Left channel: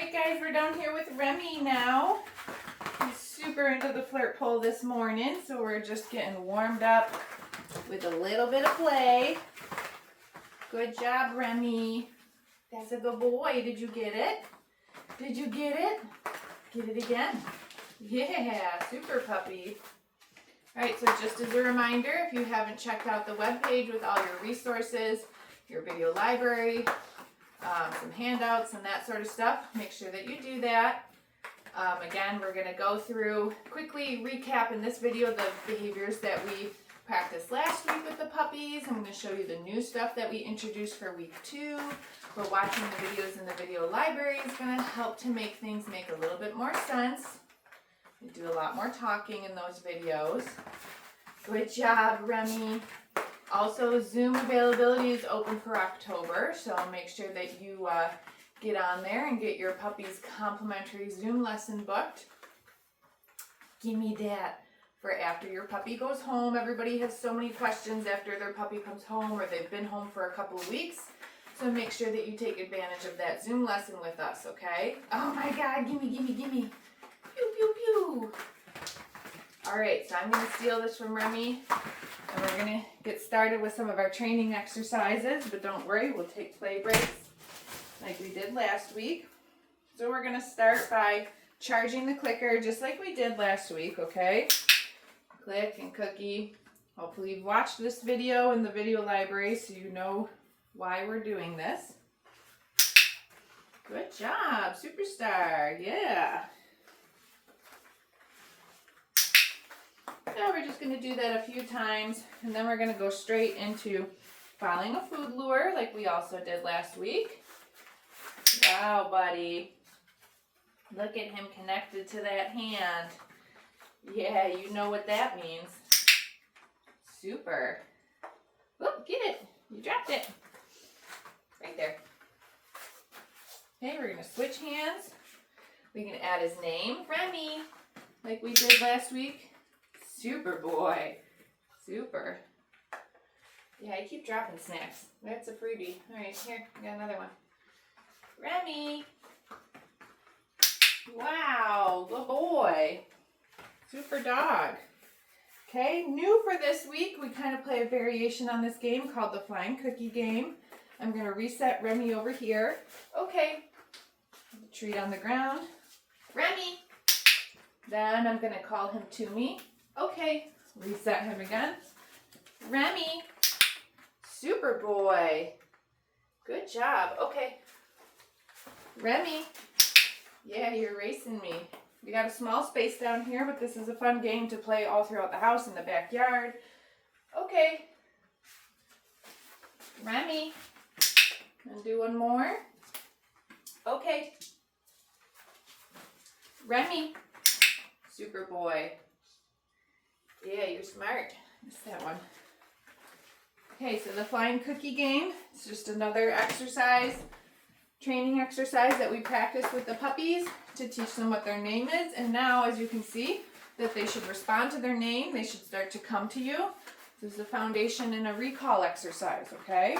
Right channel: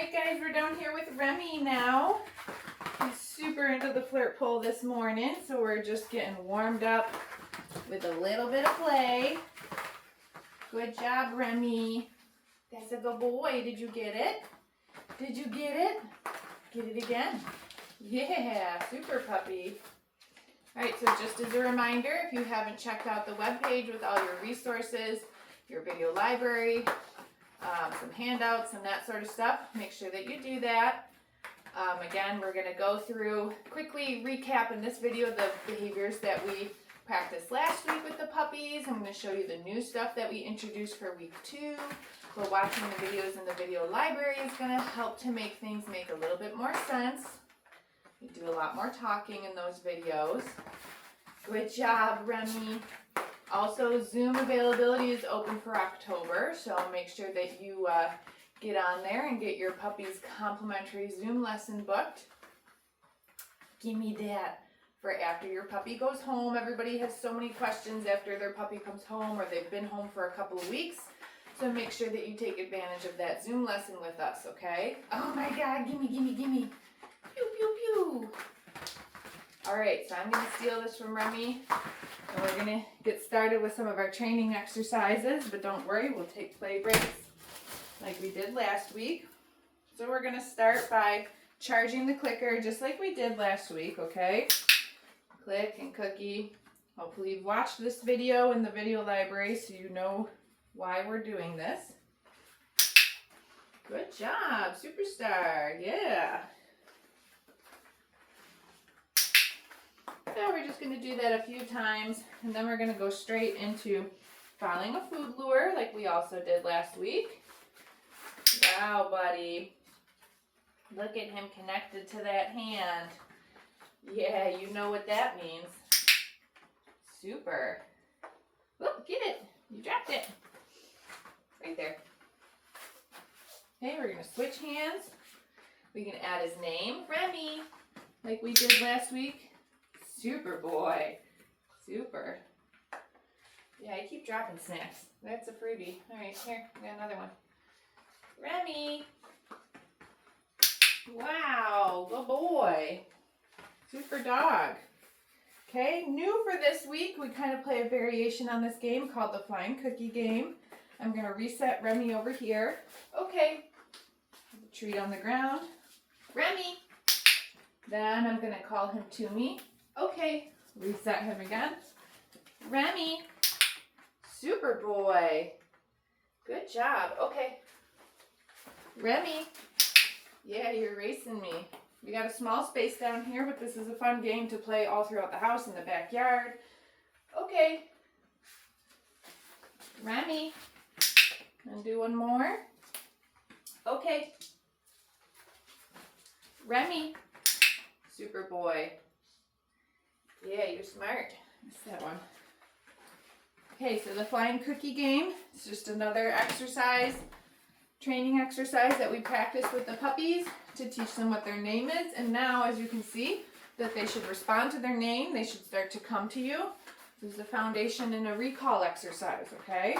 Alright guys, we're down here with Remy now. He's super into the flirt pole this morning, so we're just getting warmed up with a little bit of play. Good job, Remy. That's a good boy. Did you get it? Did you get it? Get it again. Yeah, super puppy. Alright, so just as a reminder, if you haven't checked out the webpage with all your resources, your video library, some handouts and that sort of stuff, make sure that you do that. Again, we're going to go through, quickly recap in this video the behaviors that we practiced last week with the puppies. I'm going to show you the new stuff that we introduced for week 2. But watching the videos in the video library is going to help to make things make a little bit more sense. We do a lot more talking in those videos. Good job, Remy. Also, Zoom availability is open for October, so make sure that you get on there and get your puppy's complimentary Zoom lesson booked. Give me that for after your puppy goes home. Everybody has so many questions after their puppy comes home or they've been home for a couple of weeks. So make sure that you take advantage of that Zoom lesson with us, okay? Oh my God, gimme, gimme, gimme. Pew, pew, pew. All right, so I'm gonna steal this from Remy and we're gonna get started with some of our training exercises, but don't worry, we'll take play breaks like we did last week. So we're gonna start by charging the clicker just like we did last week, okay? Click and cookie. Hopefully you've watched this video in the video library so you know why we're doing this. Good job, superstar, yeah. So we're just going to do that a few times, and then we're going to go straight into following a food lure like we also did last week. Wow, buddy. Look at him connected to that hand. Yeah, you know what that means. Super. Whoop, get it. You dropped it. Right there. Okay, we're going to switch hands. We can add his name, Remy, like we did last week. Super boy. Super. Yeah, I keep dropping snacks. That's a freebie. All right, here, I got another one. Remy. Wow, good boy. Super dog. Okay, new for this week, we kind of play a variation on this game called the Flying Cookie game. I'm going to reset Remy over here. Okay. Treat on the ground. Remy. Then I'm going to call him to me. Okay, reset him again. Remy, super boy. Good job. Okay. Remy, yeah, you're racing me. We got a small space down here, but this is a fun game to play all throughout the house in the backyard. Okay. Remy, and do one more. Okay. Remy, super boy. Yeah, you're smart. Missed that one. Okay, so the flying cookie game. It's just another exercise, training exercise that we practice with the puppies to teach them what their name is. And now, as you can see, that they should respond to their name. They should start to come to you. This is the foundation in a recall exercise, okay?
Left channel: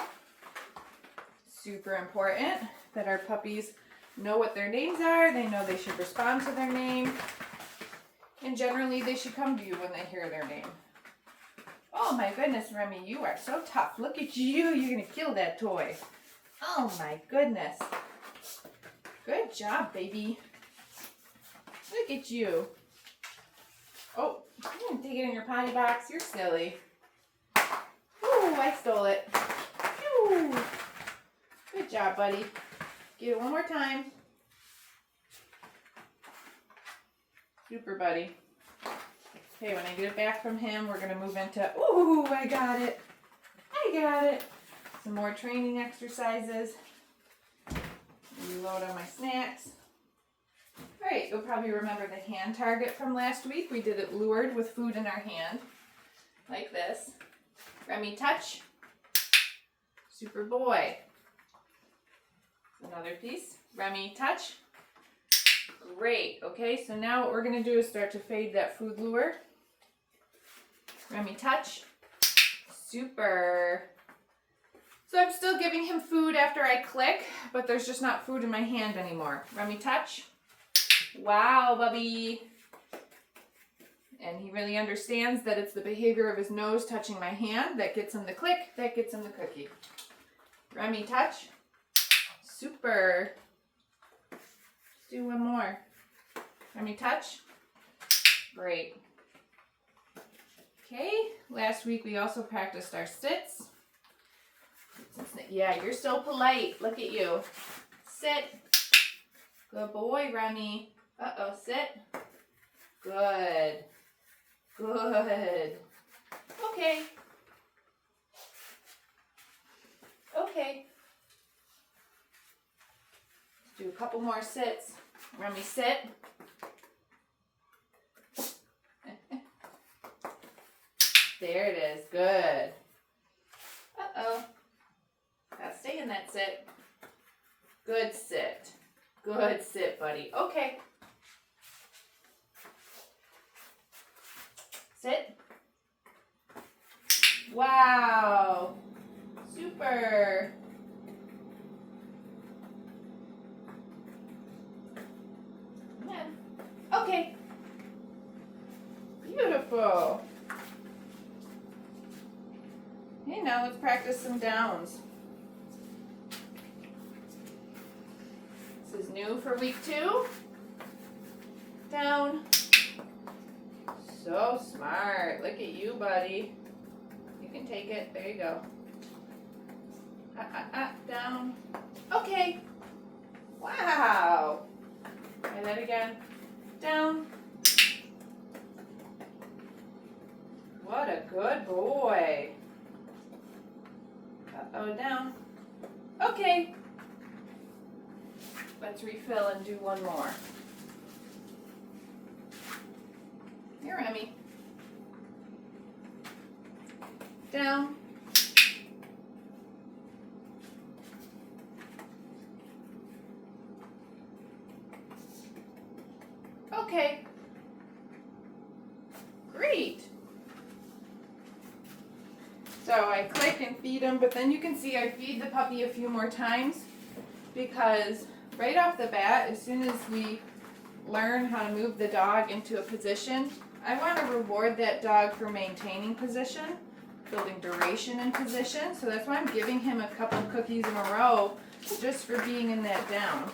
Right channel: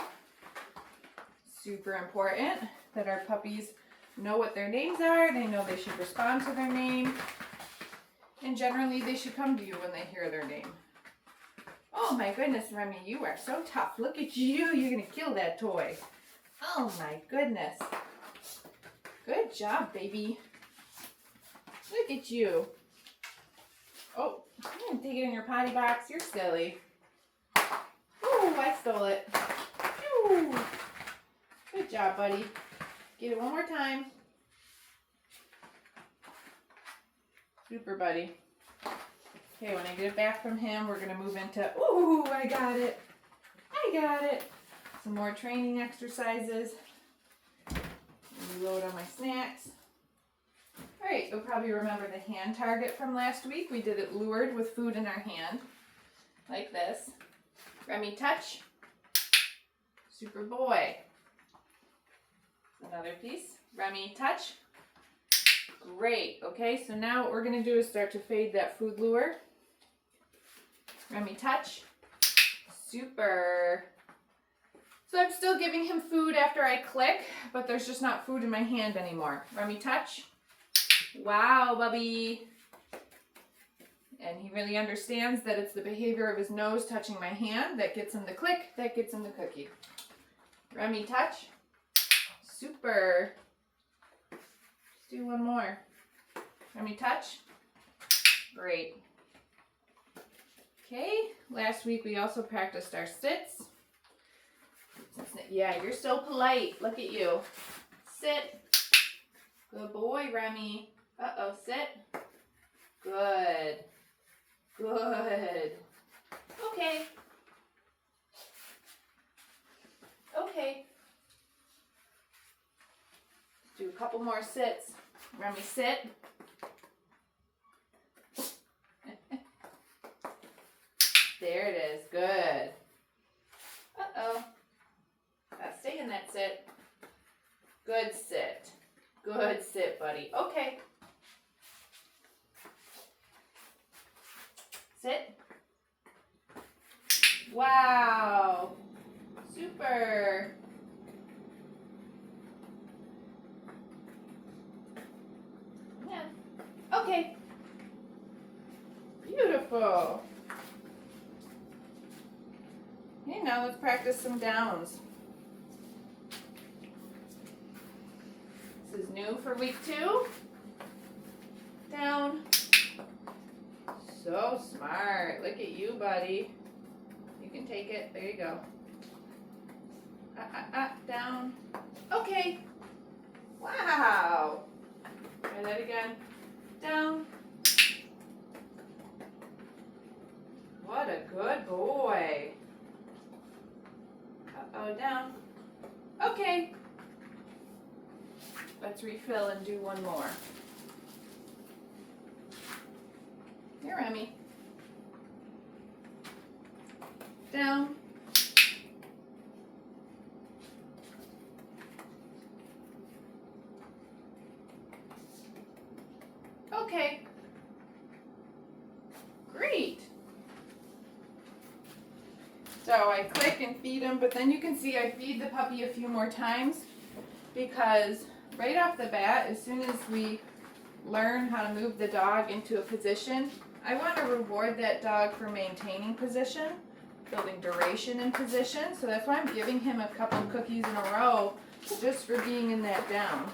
Super important that our puppies know what their names are. They know they should respond to their name. And generally, they should come to you when they hear their name. Oh my goodness, Remy, you are so tough. Look at you. You're going to kill that toy. Oh my goodness. Good job, baby. Look at you. Oh, I'm going to take it in your potty box. You're silly. Ooh, I stole it. Ooh. Good job, buddy. Get it one more time. Super, buddy. Okay, when I get it back from him, we're going to move into, ooh, I got it. I got it. Some more training exercises. Reload on my snacks. All right, you'll probably remember the hand target from last week. We did it lured with food in our hand, like this. Remy, touch. Super boy. Another piece. Remy, touch. Great. Okay, so now what we're going to do is start to fade that food lure. Remy, touch. Super. So I'm still giving him food after I click, but there's just not food in my hand anymore. Remy, touch. Wow, Bubby. And he really understands that it's the behavior of his nose touching my hand that gets him the click, that gets him the cookie. Remy, touch. Super. Let's do one more. Remy, touch. Great. Okay, last week we also practiced our sits. Yeah, you're so polite. Look at you. Sit. Good boy, Remy. Uh-oh, sit. Good. Good. Okay. Okay. Let's do a couple more sits. Remy, sit. There it is. Good. Uh-oh. Now stay in that sit. Good sit. Good sit, buddy. Okay. Sit. Wow. Super. Yeah. Okay. Beautiful. Okay, now let's practice some downs. This is new for week 2. Down. So smart. Look at you, buddy. You can take it. There you go. Down. Okay. Wow. Try that again. Down. What a good boy. Uh-oh, down. Okay. Let's refill and do one more. Here, Remy. Down. Okay. Great. So I click and feed him, but then you can see I feed the puppy a few more times because right off the bat, as soon as we learn how to move the dog into a position, I want to reward that dog for maintaining position, building duration in position. So that's why I'm giving him a couple of cookies in a row just for being in that down.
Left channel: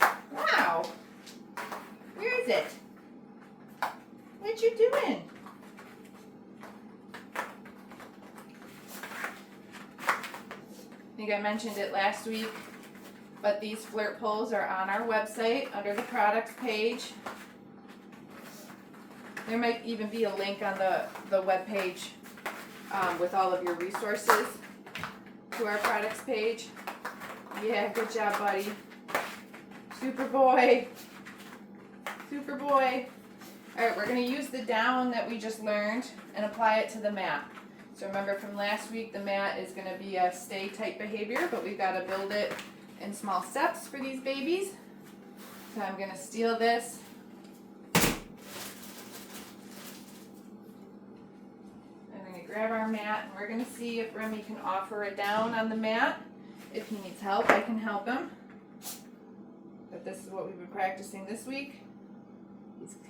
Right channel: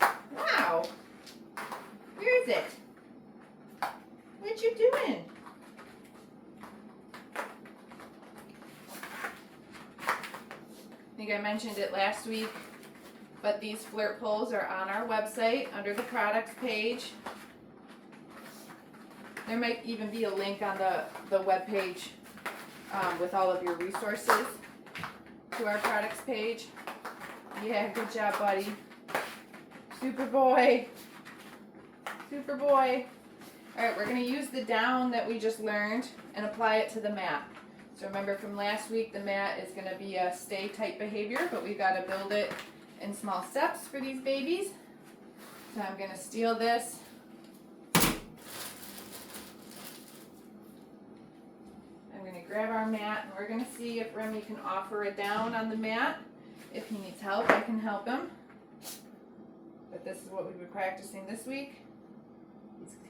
Wow. Where is it? What you doing? I think I mentioned it last week, but these flirt pulls are on our website under the products page. There might even be a link on the web page with all of your resources to our products page. Yeah, good job, buddy. Super boy. Super boy. All right, we're going to use the down that we just learned and apply it to the mat. So remember from last week, the mat is going to be a stay type behavior, but we've got to build it in small steps for these babies. So I'm going to steal this. I'm going to grab our mat, and we're going to see if Remy can offer a down on the mat. If he needs help, I can help him. But this is what we've been practicing this week.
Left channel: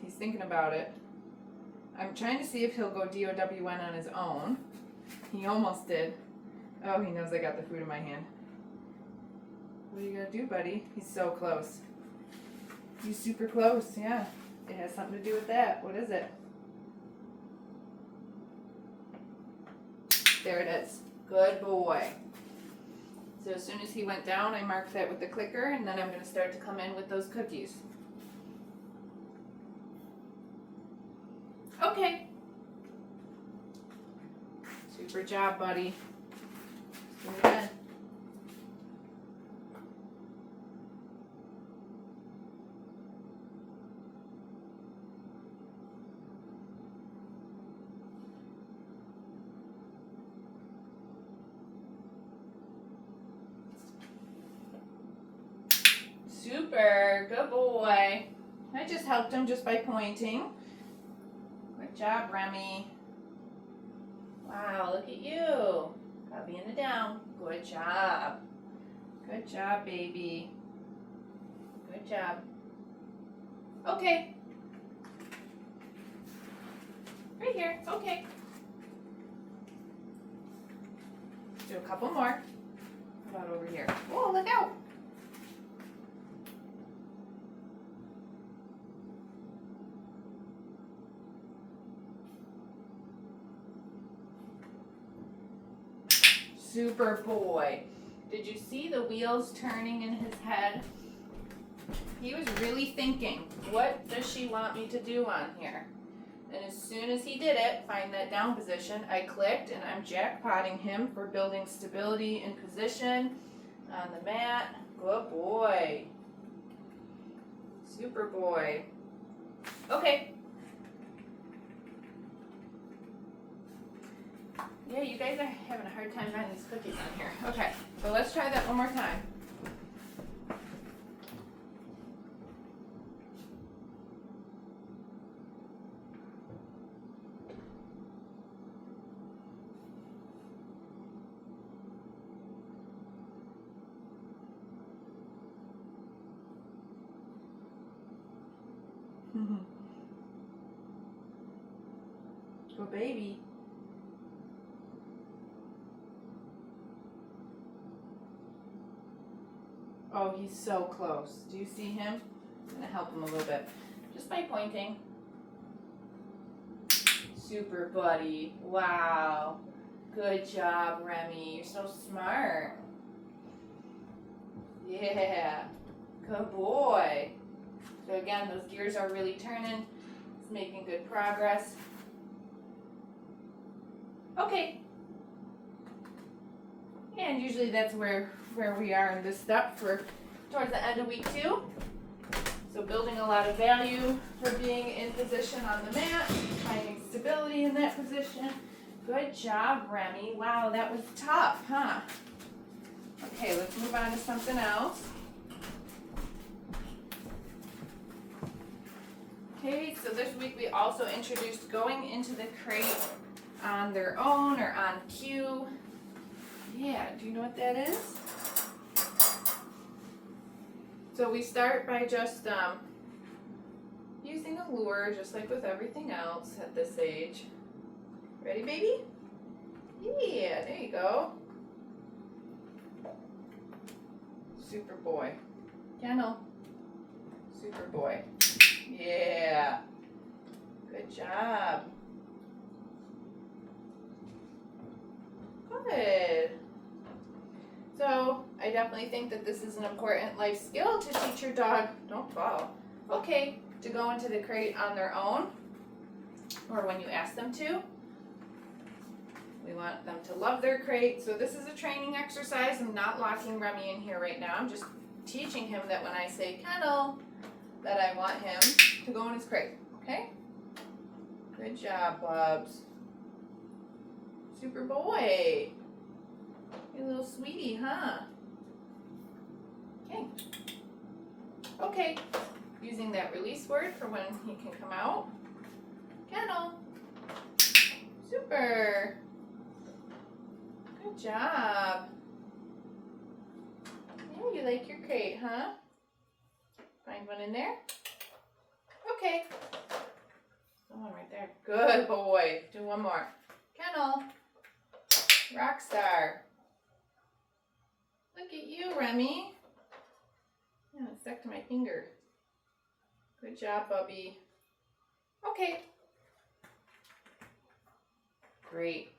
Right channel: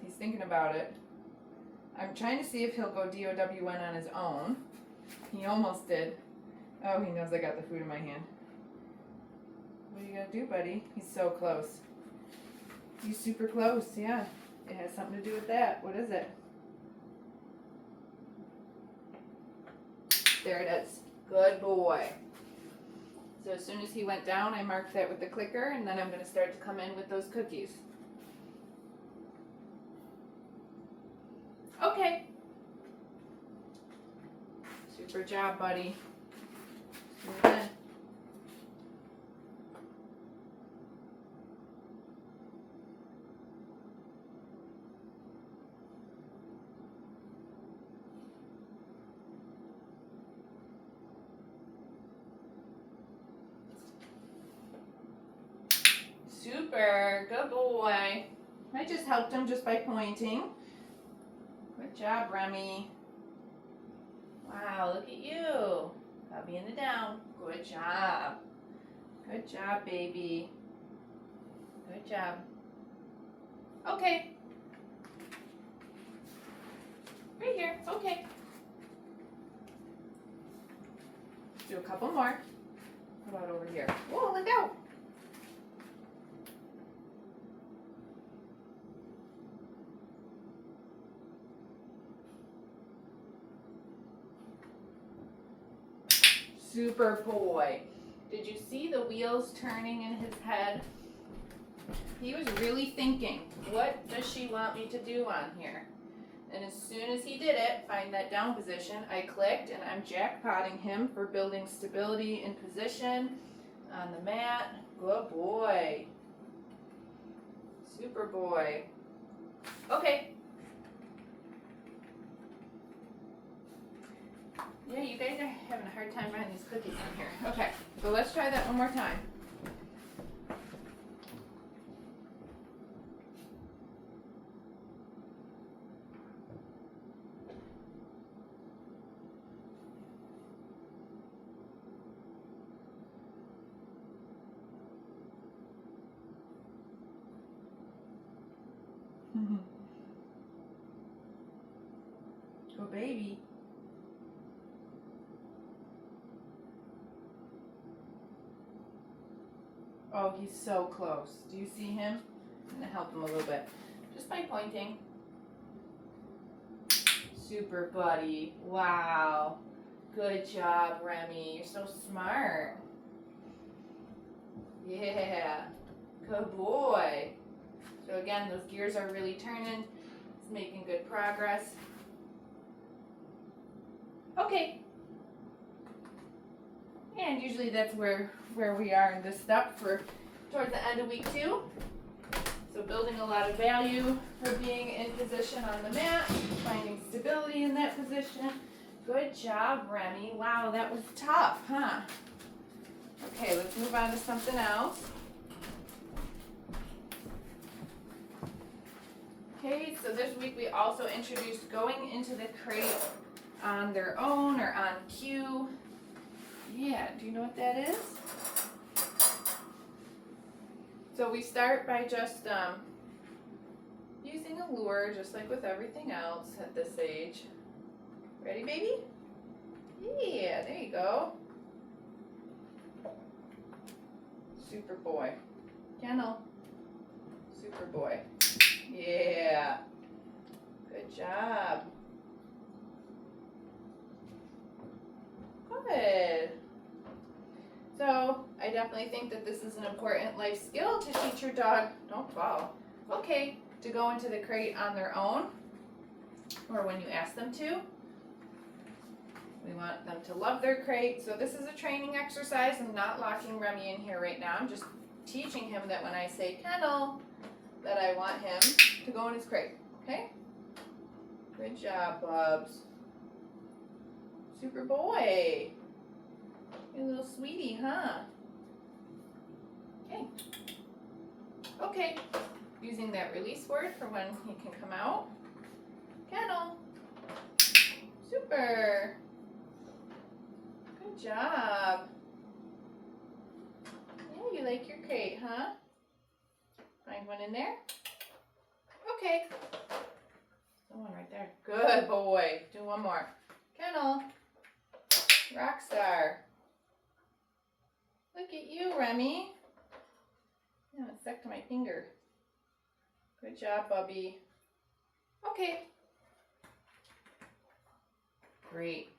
He's thinking about it. I'm trying to see if he'll go DOWN on his own. He almost did. Oh, he knows I got the food in my hand. What are you gonna do, buddy? He's so close. He's super close, yeah. It has something to do with that. What is it? There it is. Good boy. So as soon as he went down, I marked that with the clicker, and then I'm gonna start to come in with those cookies. Okay. Super job, buddy. Good. Super. Good boy. I just helped him just by pointing. Good job, Remy. Wow, look at you. Puppy in the down. Good job. Good job, baby. Good job. Okay. Right here. Okay. Do a couple more. How about over here? Whoa, look out. Super boy. Did you see the wheels turning in his head? He was really thinking, what does she want me to do on here? And as soon as he did it, find that down position, I clicked and I'm jackpotting him for building stability in position on the mat. Good boy. Super boy. Okay. Yeah, you guys are having a hard time running these cookies in here. Okay, so let's try that one more time. Go baby. Oh, he's so close. Do you see him? I'm going to help him a little bit. Just by pointing. Super buddy. Wow. Good job, Remy. You're so smart. Yeah. Good boy. So again, those gears are really turning. It's making good progress. Okay. And usually that's where we are in this step for towards the end of week 2. So building a lot of value for being in position on the mat, finding stability in that position. Good job, Remy. Wow, that was tough, huh? Okay, let's move on to something else. Okay, so this week we also introduced going into the crate on their own or on cue. Yeah, do you know what that is? So we start by just using a lure, just like with everything else at this age. Ready, baby? Yeah, there you go. Super boy. Kennel. Super boy. Yeah. Good job. Good. So I definitely think that this is an important life skill to teach your dog, don't fall, okay, to go into the crate on their own or when you ask them to. We want them to love their crate. So this is a training exercise. I'm not locking Remy in here right now. I'm just teaching him that when I say kennel, that I want him to go in his crate, okay? Good job, Bubs. Super boy. You little sweetie, huh? Okay. Okay. Using that release word for when he can come out. Kennel. Super. Good job. Yeah, you like your crate, huh? Find one in there. Okay. One right there. Good boy. Do one more. Kennel. Rockstar. Look at you, Remy. Yeah, it's stuck to my finger. Good job, Bubby. Okay. Great.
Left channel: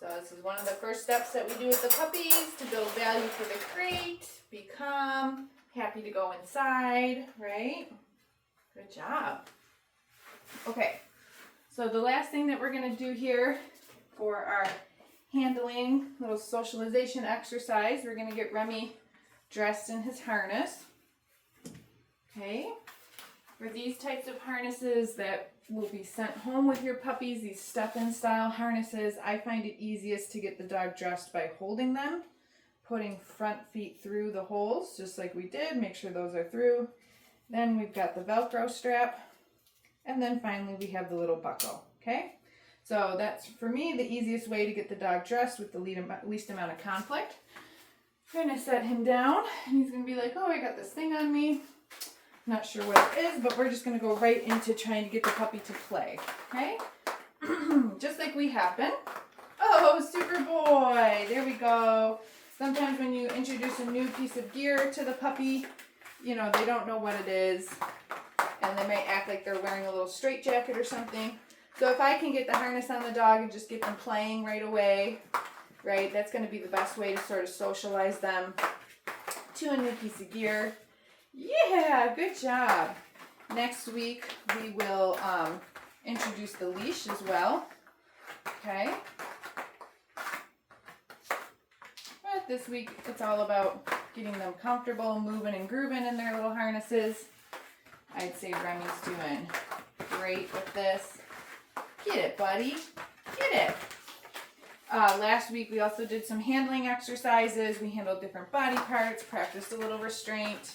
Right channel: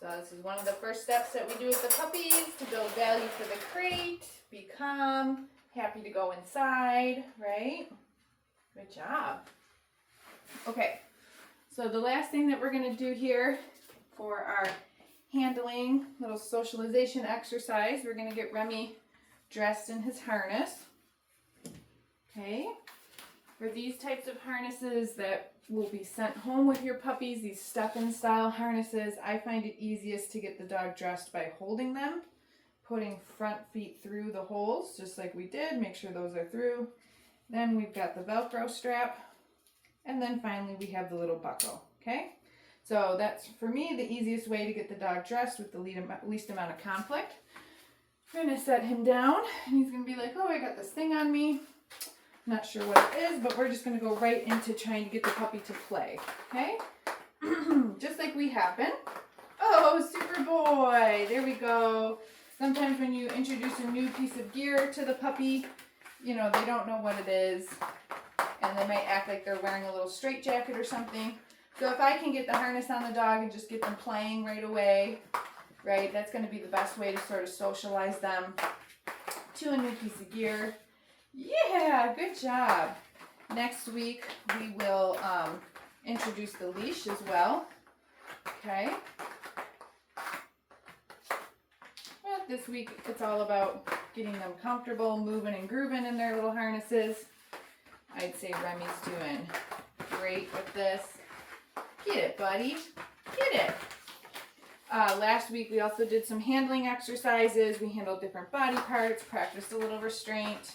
So this is one of the first steps that we do with the puppies to build value for the crate, be calm, happy to go inside, right? Good job. Okay, so the last thing that we're going to do here for our handling little socialization exercise, we're going to get Remy dressed in his harness. Okay, for these types of harnesses that will be sent home with your puppies, these stuff-in style harnesses, I find it easiest to get the dog dressed by holding them, putting front feet through the holes, just like we did, make sure those are through. Then we've got the Velcro strap, and then finally we have the little buckle, okay? So that's, for me, the easiest way to get the dog dressed with the least amount of conflict. I'm going to set him down, and he's going to be like, oh, I got this thing on me. Not sure what it is, but we're just going to go right into trying to get the puppy to play, okay? Just like we have been. Oh, super boy. There we go. Sometimes when you introduce a new piece of gear to the puppy, you know, they don't know what it is, and they might act like they're wearing a little straitjacket or something. So if I can get the harness on the dog and just get them playing right away, right, that's going to be the best way to sort of socialize them to a new piece of gear. Yeah, good job. Next week we will introduce the leash as well. Okay. But this week it's all about getting them comfortable, moving and grooving in their little harnesses. I'd say Remy's doing great with this. Get it, buddy. Get it. Last week we also did some handling exercises. We handled different body parts, practiced a little restraint.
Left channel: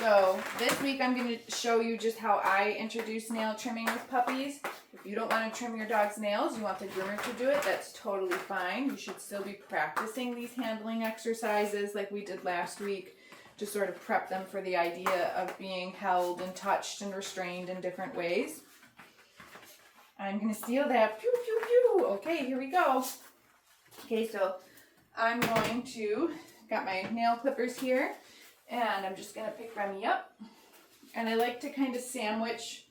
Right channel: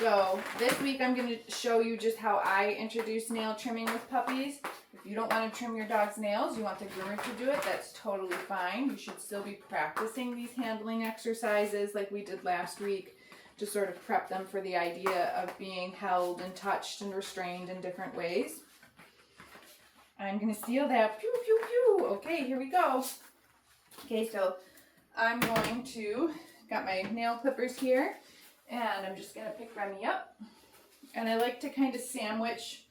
So this week I'm going to show you just how I introduce nail trimming with puppies. If you don't want to trim your dog's nails, you want the groomer to do it, that's totally fine. You should still be practicing these handling exercises like we did last week to sort of prep them for the idea of being held and touched and restrained in different ways. I'm going to steal that. Pew, pew, pew. Okay, here we go. Okay, so I'm going to, got my nail clippers here. And I'm just going to pick Remy up. And I like to kind of sandwich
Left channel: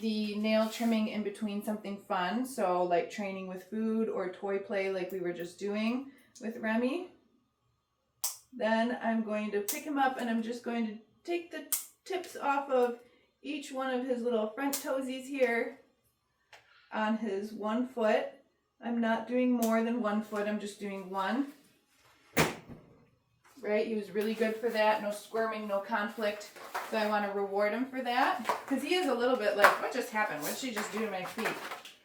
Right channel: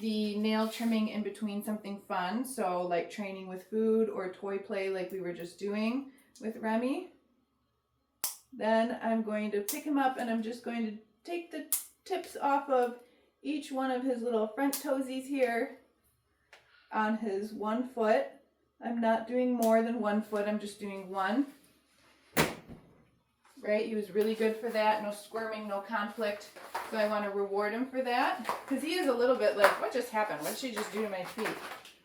the nail trimming in between something fun. So like training with food or toy play like we were just doing with Remy. Then I'm going to pick him up and I'm just going to take the tips off of each one of his little front toesies here on his one foot. I'm not doing more than 1 foot. I'm just doing one. Right, he was really good for that. No squirming, no conflict. So I want to reward him for that. Because he is a little bit like, what just happened? What did she just do to my feet?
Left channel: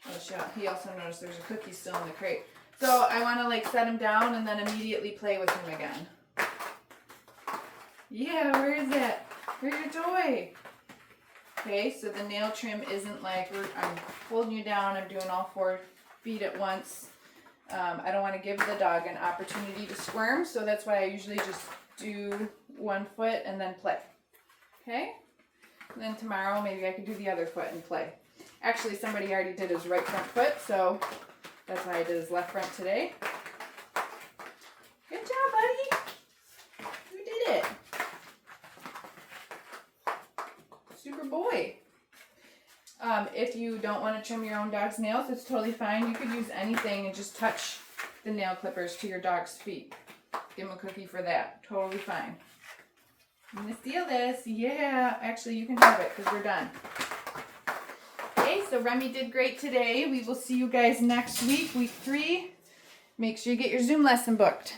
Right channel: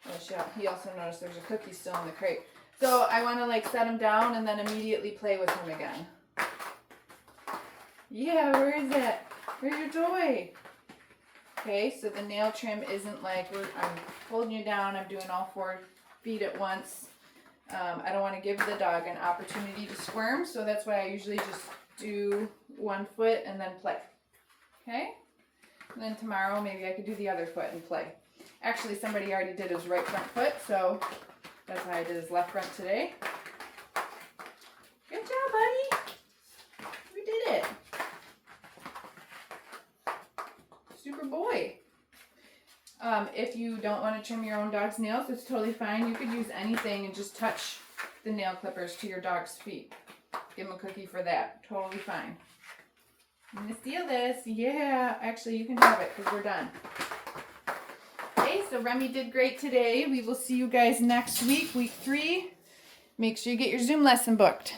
Oh, he also noticed there's a cookie still in the crate. So I want to like set him down and then immediately play with him again. Yeah, where is it? Where's your toy? Okay, so the nail trim isn't like, I'm holding you down, I'm doing all 4 feet at once. I don't want to give the dog an opportunity to squirm, so that's why I usually just do 1 foot and then play. Okay? And then tomorrow maybe I could do the other foot and play. Actually, somebody already did his right front foot, so that's why I did his left front today. Good job, buddy. You did it. Super boy. If you don't want to trim your own dog's nails, it's totally fine. You could use anything and just touch the nail clippers to your dog's feet. Give him a cookie for that. Totally fine. I'm going to steal this. Yeah, actually you can have it because we're done. Okay, so Remy did great today. We will see you guys next week, week 3. Make sure you get your Zoom lesson booked.